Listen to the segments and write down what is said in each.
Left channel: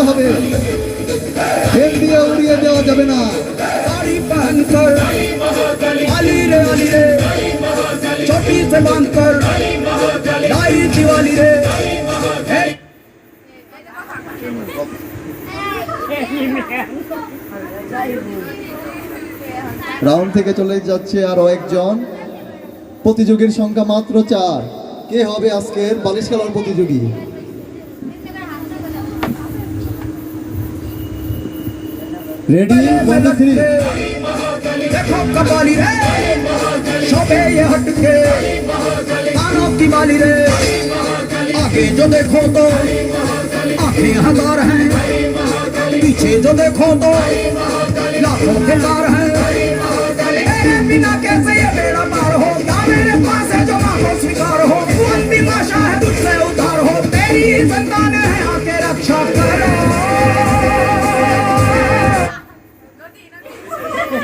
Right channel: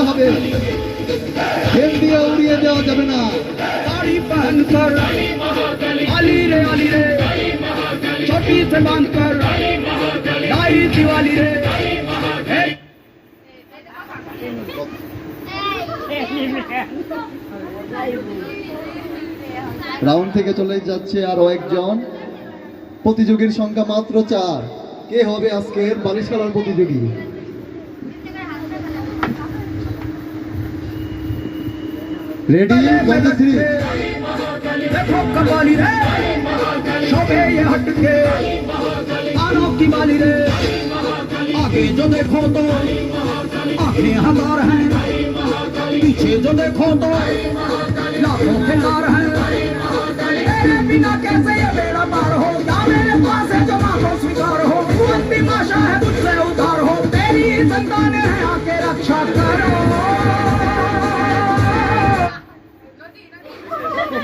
দিতে হবে, খেল দিয়ে উড়িয়ে দেওয়া যাবে না। साड़ी पहनकर अली रे चोटी से बांधकर लाई दिवाली रे। রাউন্ড থেকে চলে যাচ্ছে আরো একজন প্রতিযোগীর সংখ্যা মাত্র 4। কে হবে আজকের বালিশ খেলার প্রতিযোগী? रेडी 1 2 3 देखो कबाली रे शोभे ये हटके कानों की बाली रे। आगे जो देखो तो आंखें हजार हैं, पीछे जो देखो तो लाखों के तार हैं। तेरे बिना कैसे ये बेड़ा पार हो, क्या मेरे पास है जो ना हो स्वीकार हो। तू अंतिम आशा है मुझसे उधार हो, तेरी संतान है आके रक्षा करो।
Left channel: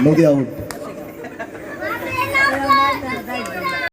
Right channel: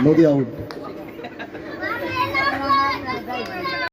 नदी आउट।